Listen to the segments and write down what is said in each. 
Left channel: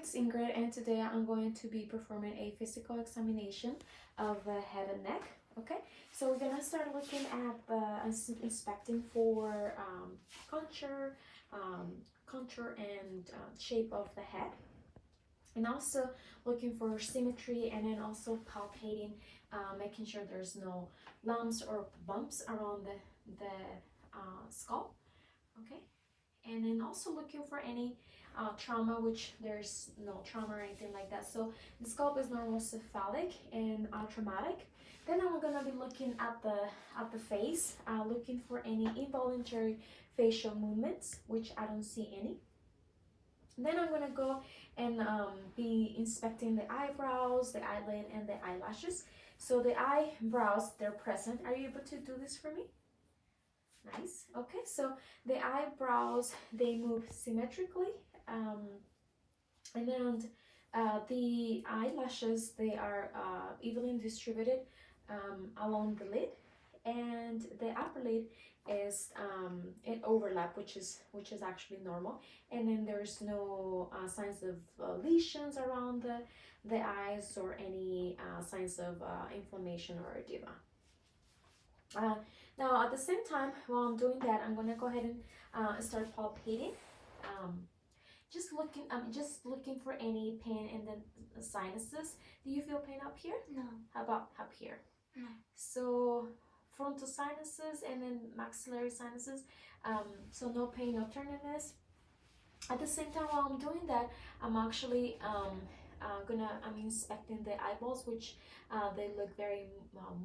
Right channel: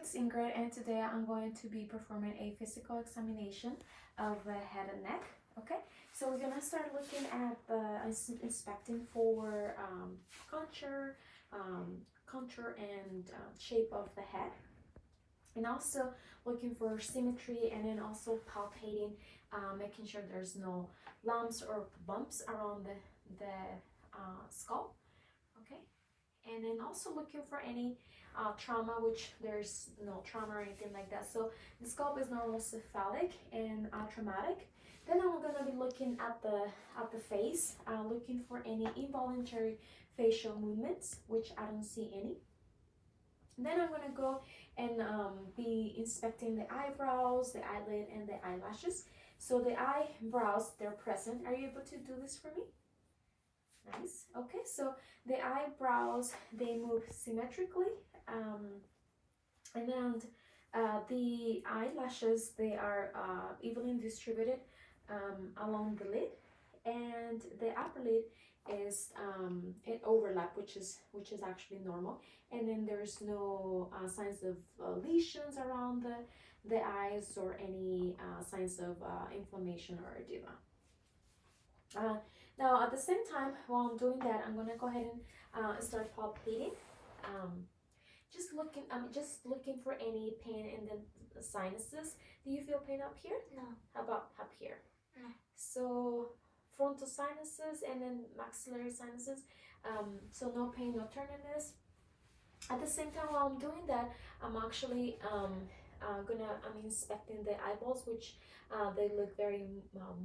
it's Ingrid, and today I'm going to be performing a physical examination of the head and neck. Okay, so we're gonna start looking at inspecting for contour and shape of the head, and also looking for symmetry, and then also palpating, making sure there's no lumps or bumps around the skull. Okay, and then also looking for any trauma, which there's no trauma or anything like that. So the scalp is normal cephalic and traumatic. Then I'm gonna be looking at the face, looking for any involuntary facial movements, which I don't see any. Then I'm gonna go and be inspecting the eyebrows, the eyelid, and the eyelashes. So the eyebrows, they're present. Are you able to do this for me? Nice. Okay, so the eyebrows, they move symmetrically, and then the eyelashes, they are evenly distributed along the lid, and the upper lid is it overlap, which is actually normal, and then there's no signs of lesions around the eyes or any signs of inflammation or edema. Now at the same time, while I'm doing that, I'm gonna go ahead and start palpating. Just looking for any pain in the sinuses. Do you feel pain up here? No. How about up here? No. So frontal sinuses and then maxillary sinuses. So no pain, no tenderness. At the same time, while I'm doing that, I'm actually I'm inspecting the eyeballs, which they look very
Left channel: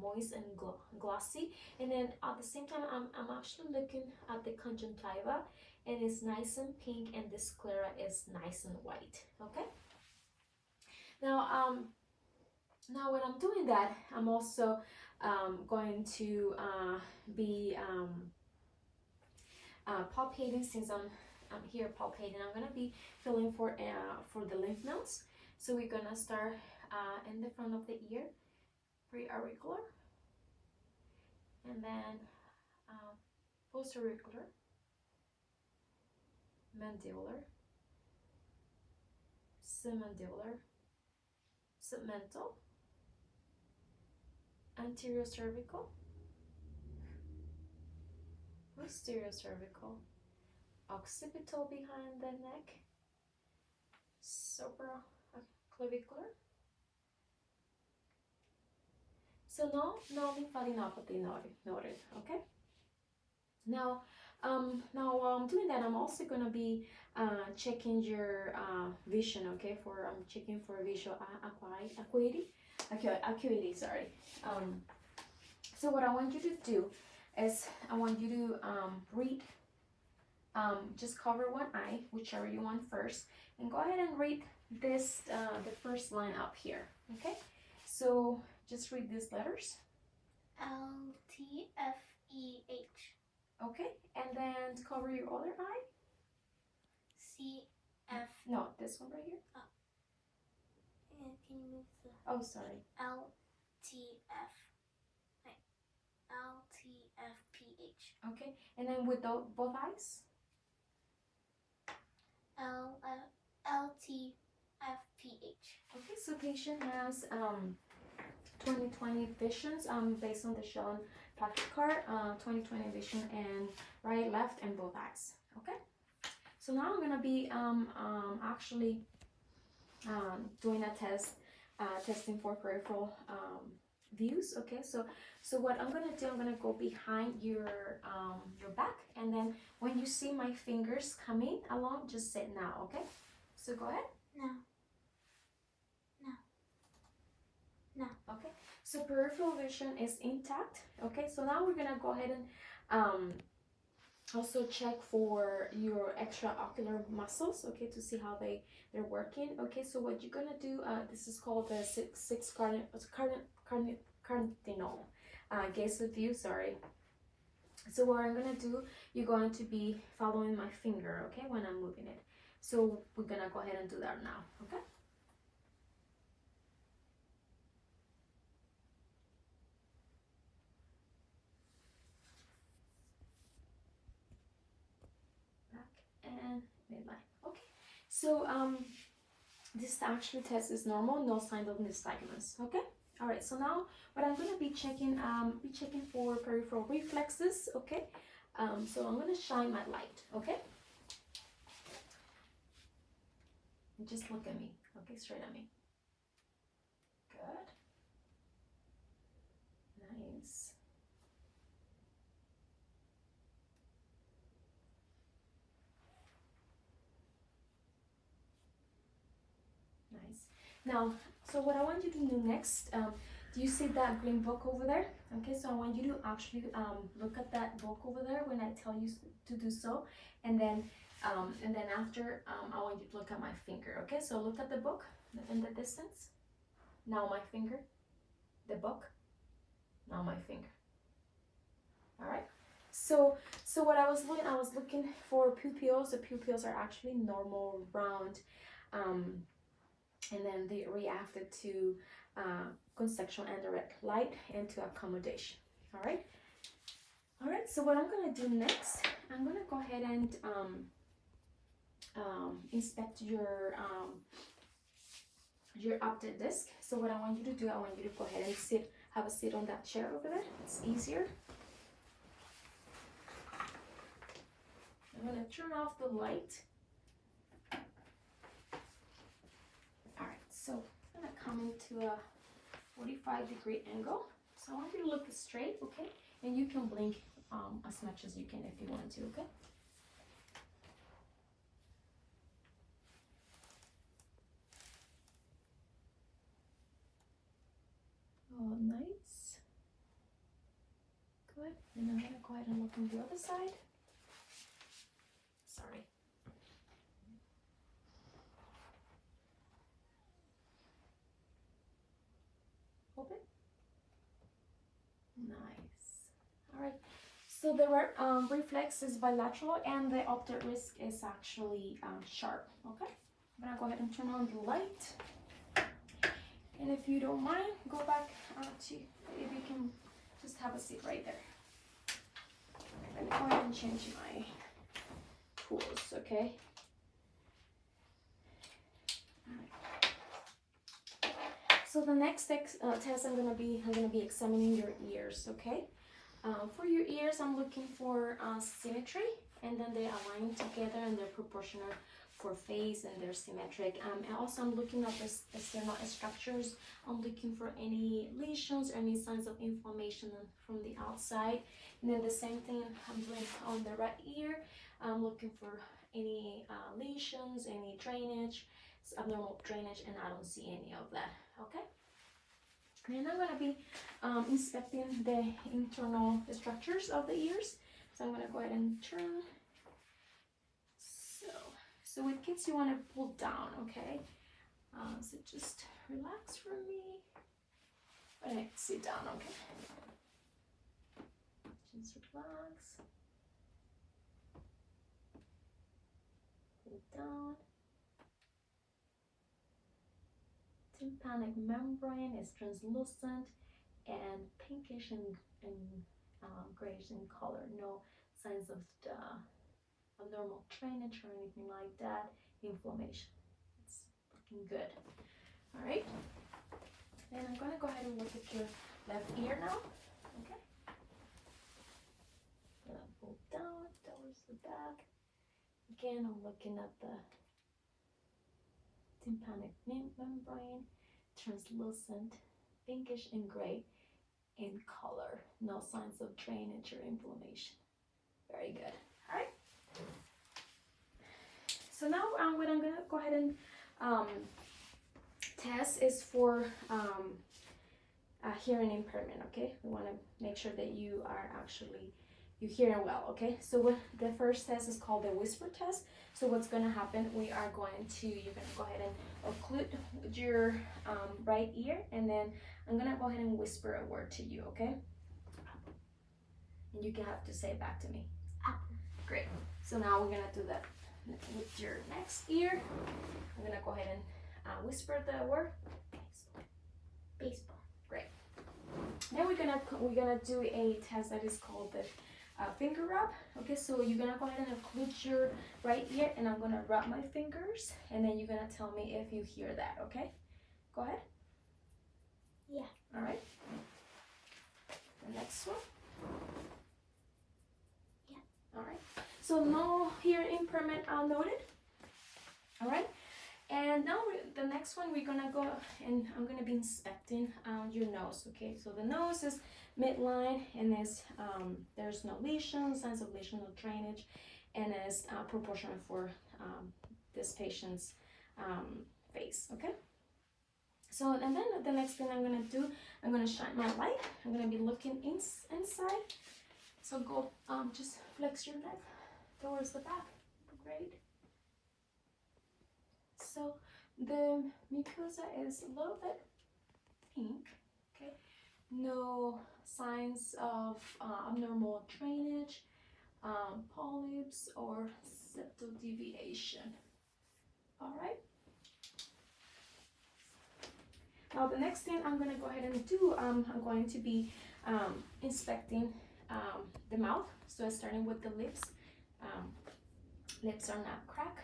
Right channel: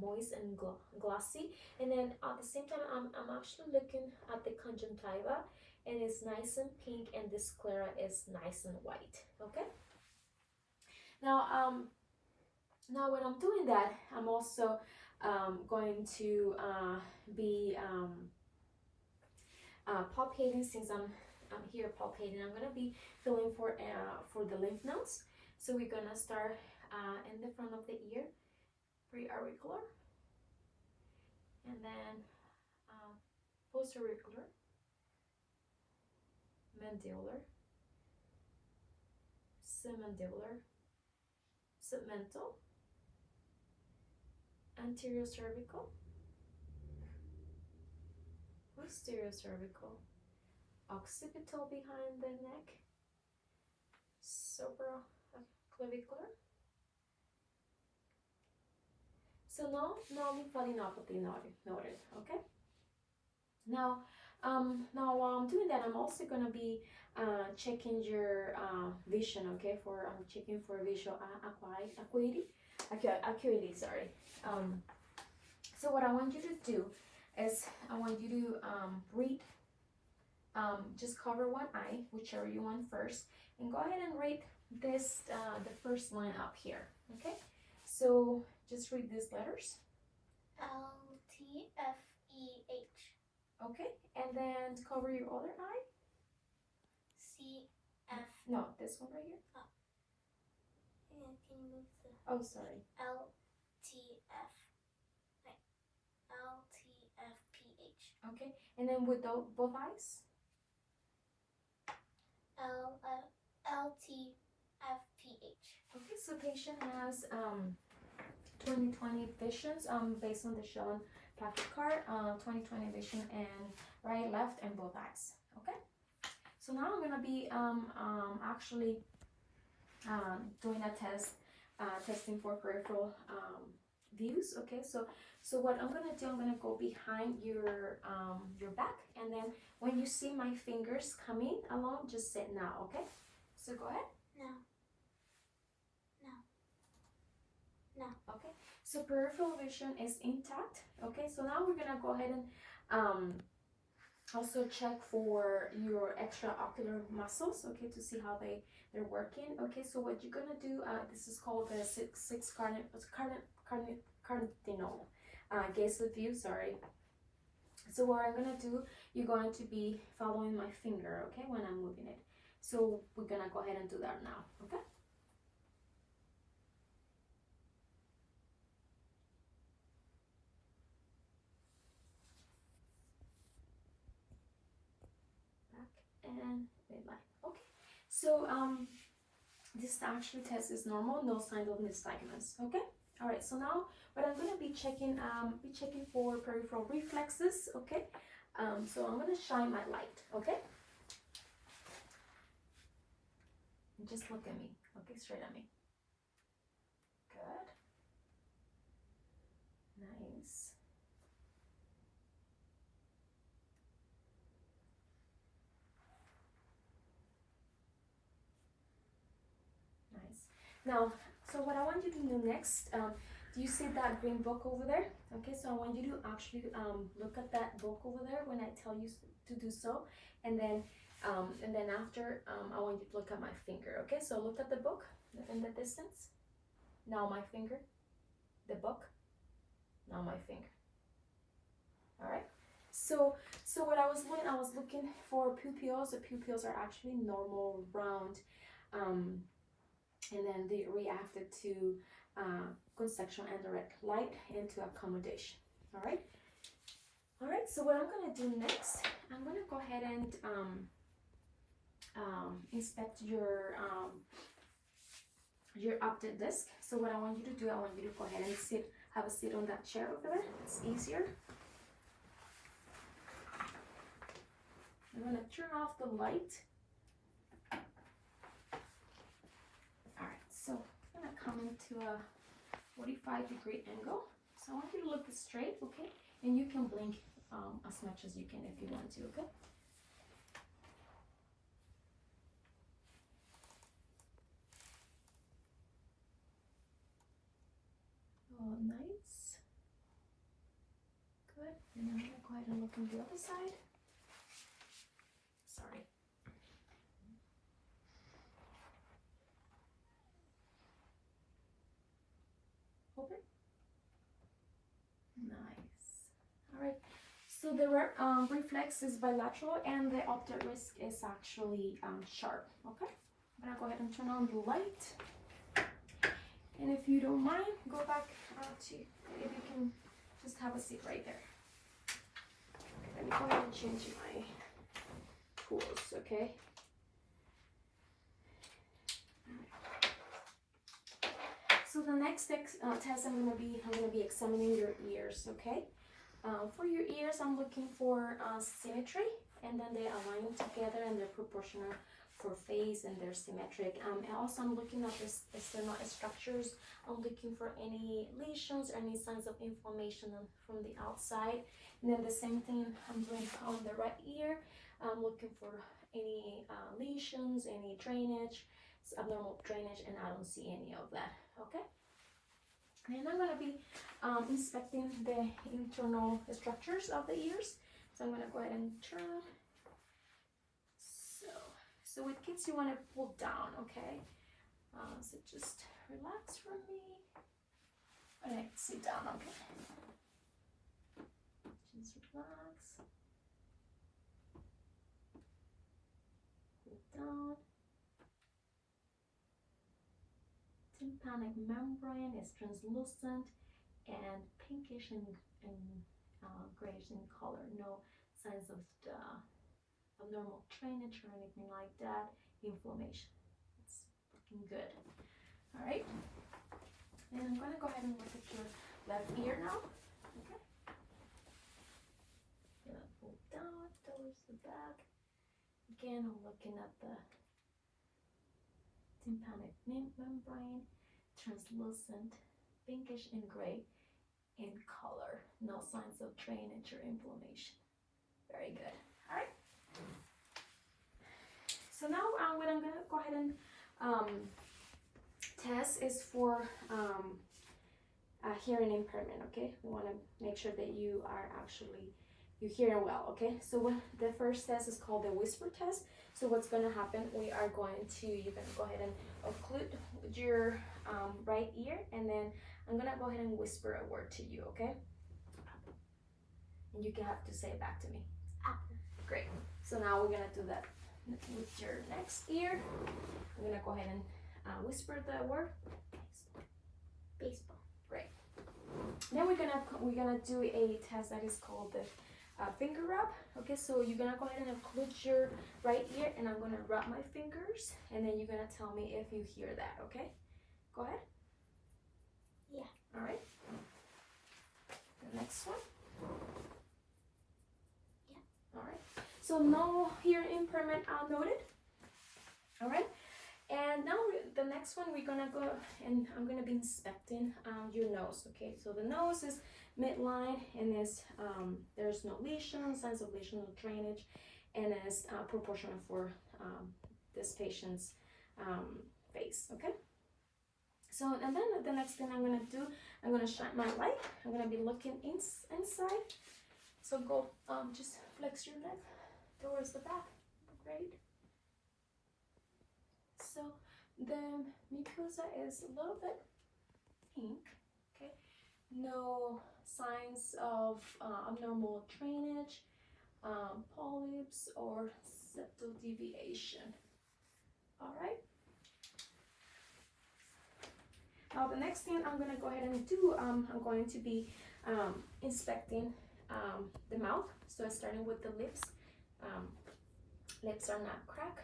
moist and glossy. And then at the same time, I'm actually looking at the conjunctiva, and it's nice and pink, and the sclera is nice and white. Okay. Now now when I'm doing that, I'm also going to be palpating. Since I'm here palpating, I'm gonna be feeling for the lymph nodes. So we're gonna start in the front of the ear, preauricular, and then postauricular, mandibular, submandibular, submental, anterior cervical, posterior cervical, occipital behind the neck, supraclavicular. So no lymphadenopathy noted. Okay. Now while I'm doing that, I'm also gonna be checking your vision. Okay, I'm checking for visual acuity. Sorry. So what I want you to do is I want you to read. Just cover one eye, whichever you want first, and go ahead and read this the first line up here. Okay, so just read these letters. LTFEH. Okay, and then cover your other eye. CF. No, this one right here. Oh. And can you move the? Oh, sorry. LTF. Wait. LTFPH. Okay, and then with both eyes. LTFPH. Okay, so patient has 20/20 visions based on the shown Patrick card, 20/20 vision and right, left, and both eyes. Okay, so now I'm gonna be actually doing a test, testing for peripheral views. Okay, so what I'm gonna do, I'm gonna go behind your back, and then when you see my fingers coming along, just say now. Okay, so go ahead. No. Okay, so peripheral vision is intact. Okay, so now we're gonna go ahead and also check for your extraocular muscles. Okay, to see how they're working. Okay, so what you're gonna do, this is called the six cardinal gaze view. Sorry. So what I'm gonna do, you're going to be following my finger. Okay, when I'm moving it. So we're gonna go ahead and do that now. Okay. And midline. Okay, so this actually test is normal, no signs of nystagmus. Okay. All right. So now, what I'm gonna be checking for peripheral reflexes. Okay. So I'm gonna shine my light. Okay. And just look at me. Okay, straight at me. Good. Nice. Nice. Now, so what I want you to do next, do you see that green book over there? Okay, so I want you to actually look at that book over there when I tell you to do so, and then after I want you to look at my finger. Okay, so look at the book in the distance. Now my finger, the book. Now my finger. All right. So what I was doing, I was looking for pupils. The pupils are actually normal, round, and then they reacted to conceptual and direct light and to accommodation. All right. All right. So what I'm gonna do next, I'm gonna go ahead and inspect your optic disc. So what I want you to do, I want you to go ahead and have a seat on that chair over there. It's easier. I'm gonna turn off the light. All right, so I'm gonna come into a 45-degree angle. So I want you to look straight, okay? And you can blink as much as you can if you want to, okay? Oh, nice. Good. And I'm gonna go ahead and look on the other side. Sorry. Open. Nice. All right. So the reflex is bilateral and the optic disc is actually sharp. Okay. I'm gonna go ahead and turn on the light. And if you don't mind, go back to, if you can just have a seat right there. Let me go ahead and change my tools, okay? So the next test I'm gonna be examining your ears, okay? For your ears, I'm looking for symmetry, and then they align together and they're proportional for face and they're symmetric. And also I'm looking at the external structures. I'm looking for any lesions, any signs of inflammation from the outside. And then the same thing I'm doing on the right ear. I'm looking for any lesions, any drainage, abnormal drainage, and I don't see any of that, okay? And I'm gonna be inspecting the internal structures of the ears. So I'm gonna go ahead and turn. So with kids, you want to pull down, okay? So just relax for me. All right, sit down, okay? Just relax. Pull down. Tympanic membrane is translucent and pinkish and grayish in color. No signs of abnormal drainage or anything like that. Inflammation. It's looking good. All right. And I'm gonna go ahead and look at your left ear now. Okay. Gonna pull down towards the back. Again, I'm looking at the tympanic membrane, translucent, pinkish and gray in color. No signs of drainage or inflammation. Very good. All right. So now what I'm gonna go ahead and test is for hearing impairment. Okay, we want to make sure that you're hearing well. Okay, so the first test is called the whisper test. So what's gonna happen? You're gonna go ahead and occlude your right ear, and then I'm gonna go ahead and whisper a word to you. Okay, and you have to say it back to me. Apple. Great. So now we're gonna do that with your next ear. I'm gonna go ahead and whisper the word baseball. Baseball. Great. Then we're gonna do a test that is called the finger rub. Okay, so you're gonna go ahead and include your right ear, and I'm gonna rub my fingers, and then you're gonna tell me if you hear that. Okay, go ahead. Yeah. All right. The next one. Yeah. All right. So no hearing impairment noted. All right. And now the next one, we're gonna go and I'm gonna be inspecting your nose. Okay, so the nose is midline, and is there's no lesions, signs of lesion, no drainage, and is proportional for this patient's face. Okay. So and then the next thing I'm gonna do, I'm gonna shine my light. I'm gonna be looking inside. So go just flex your neck towards the back. Great. So the mucosa is a little bit pink, okay? No signs of abnormal drainage, polyps, or septal deviation. All right. Now the next thing I'm gonna go ahead and do, I'm going to be inspecting the mouth. So starting with the lips. Lips are not cracked.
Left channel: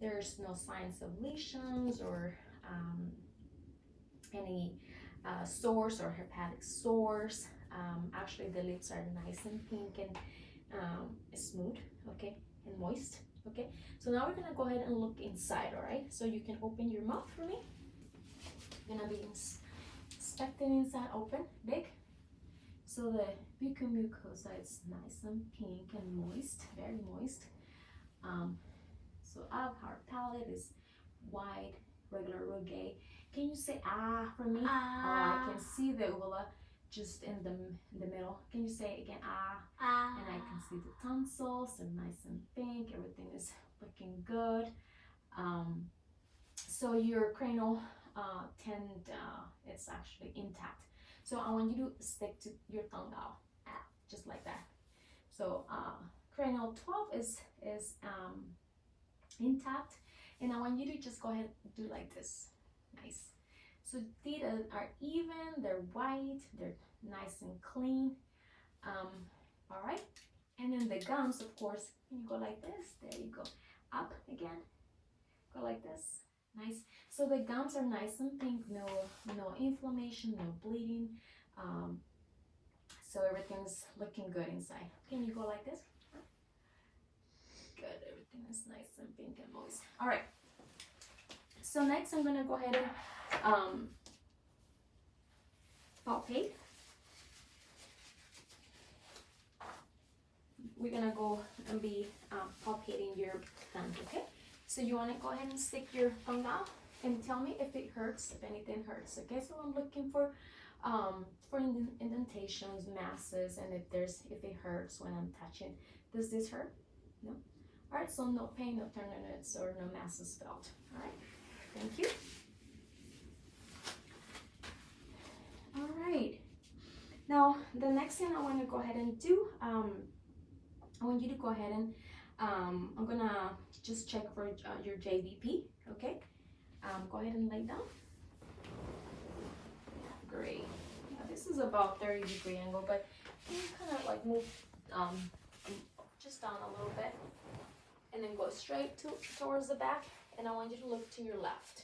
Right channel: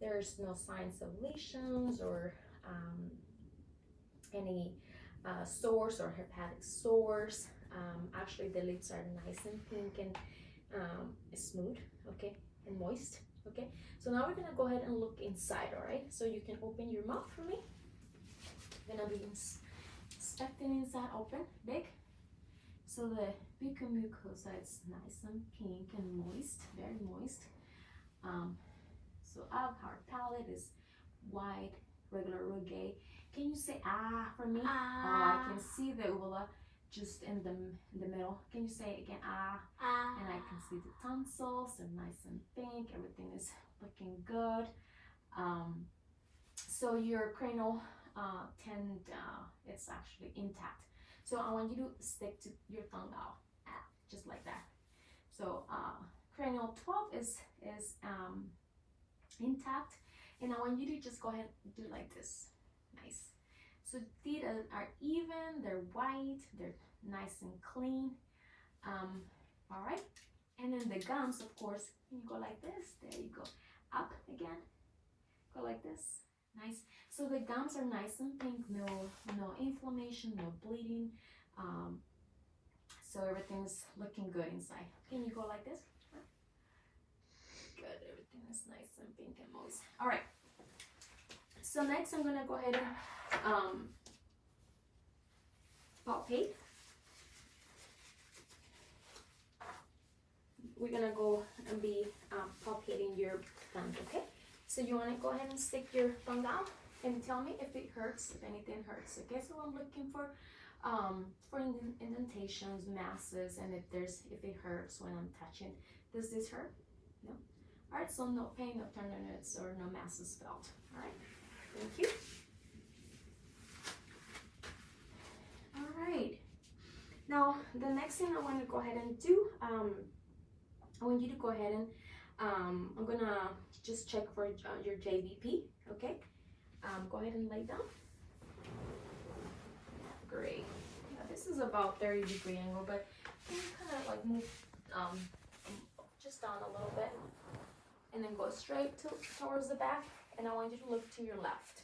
There's no signs of lesions or any sores or hepatic sores. Actually, the lips are nice and pink and smooth, okay, and moist, okay. So now we're gonna go ahead and look inside, all right? So you can open your mouth for me. I'm gonna be inspecting inside, open, big. So the buccal mucosa is nice and pink and moist, very moist. So our palate is wide, regular, rugged. Can you say ah for me? Ah. Oh, I can see the uvula just in the middle. Can you say it again? Ah. Ah. And I can see the tonsils, they're nice and pink. Everything is looking good. So your cranial it's actually intact. So I want you to stick to your tongue out, just like that. So cranial 12 is intact, and I want you to just go ahead and do like this. Nice. So teeth are even, they're white, they're nice and clean. All right. And then the gums, of course, you go like this. There you go. Up again. Go like this. Nice. So the gums are nice and pink. No inflammation, no bleeding. So everything's looking good inside. Can you go like this? Good. Everything is nice and pink and moist. All right. So next, I'm gonna go ahead and palpate. We're gonna go and be palpating your tongue, okay? So you wanna go ahead and stick your tongue out and tell me if it hurts, if anything hurts, okay? So I'm looking for indentations, masses, and if it hurts when I'm touching. Does this hurt? No? All right, so no pain, no tenderness, or no masses felt. All right, thank you. All right, now the next thing I want to go ahead and do, I want you to go ahead and I'm gonna just check for your JVP, okay? Go ahead and lay down. Great. Yeah, this is about 30-degree angle, but can you kind of like move just down a little bit, and then go straight towards the back, and I want you to look to your left.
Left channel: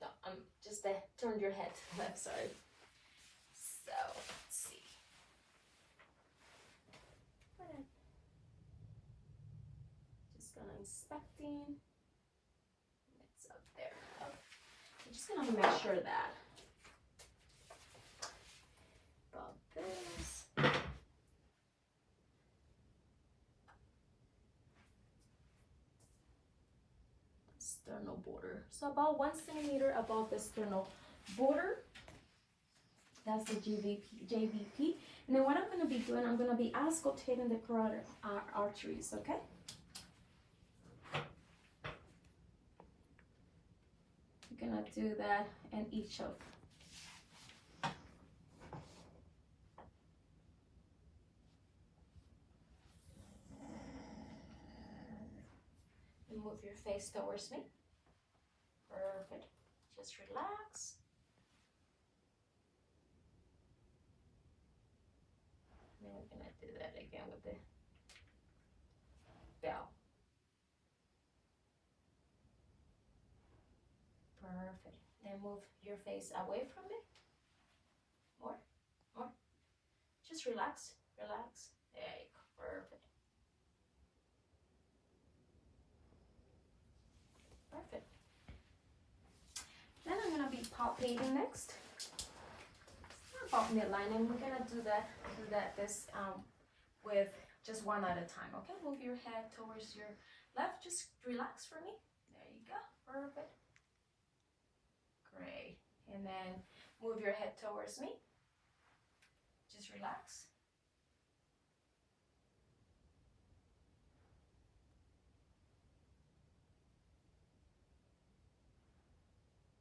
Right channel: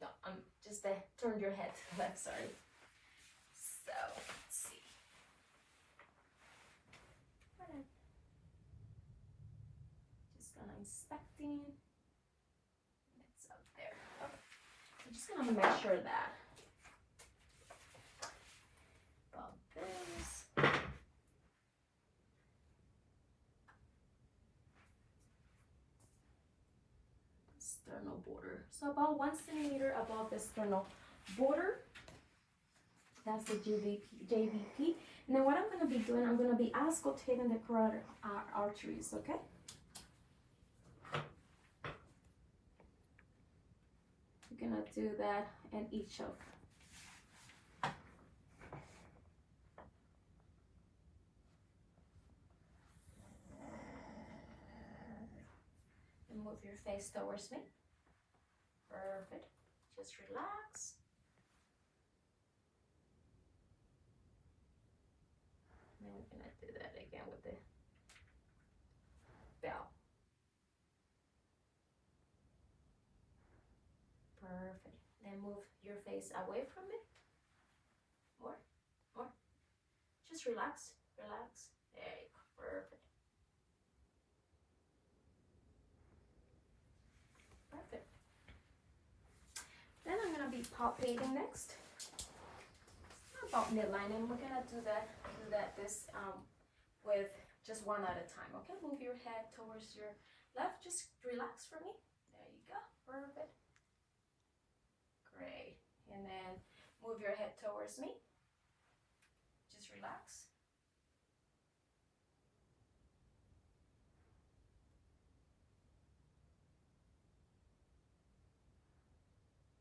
No, just turn your head to the left, sorry. So, let's see. Just gonna inspecting. It's up there. Okay. I'm just gonna make sure that about this. Sternal border. So about 1 centimeter above the sternal border. That's the JVP. And then what I'm going to be doing, I'm going to be auscultating the carotid arteries, okay? We're going to do that in each of. And move your face towards me. Perfect. Just relax. And we're gonna do that again with the bell. Perfect. Then move your face away from it. More. Just relax. Relax. There you go. Perfect. Perfect. Then I'm gonna be palpating next. About midline, and we're gonna do that with just one at a time. Okay, move your head towards your left. Just relax for me. There you go. Perfect. Great. And then move your head towards me. Just relax.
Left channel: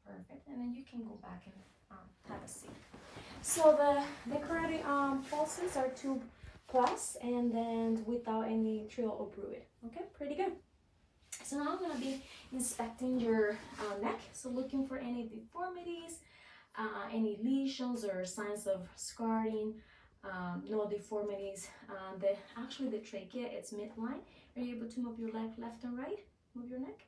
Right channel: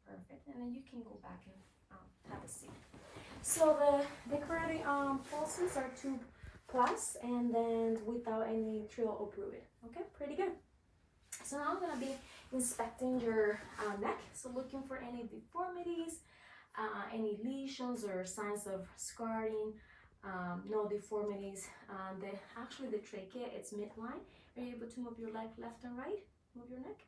Perfect. And then you can go back and have a seat. So the carotid pulses are 2+, and then without any trill or bruit. Okay, pretty good. So now I'm gonna be inspecting your neck. So looking for any deformities, any lesions or signs of scarring. No deformities. Actually the trachea, it's midline. Are you able to move your leg left and right? Move your neck.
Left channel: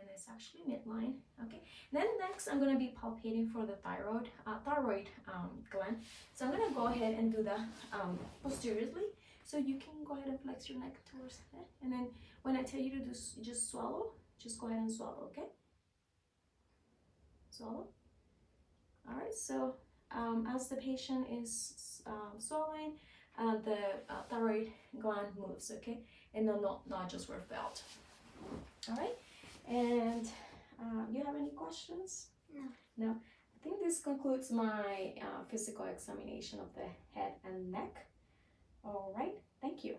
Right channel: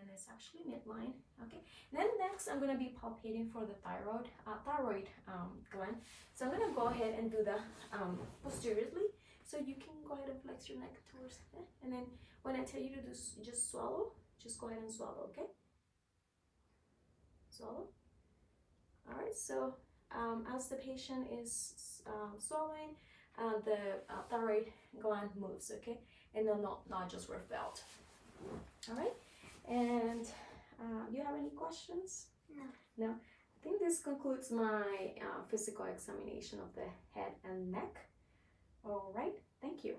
And it's actually midline. Okay. Then next, I'm gonna be palpating for the thyroid gland. So I'm gonna go ahead and do that posteriorly. So you can go ahead and flex your neck towards it. And then when I tell you to do, just swallow. Just go ahead and swallow. Okay. Swallow. All right. So as the patient is swallowing, the thyroid gland moves. Okay. And the nodules were felt. All right. And you have any questions? No. No. I think this concludes my physical examination of the head and neck. All right. Thank you.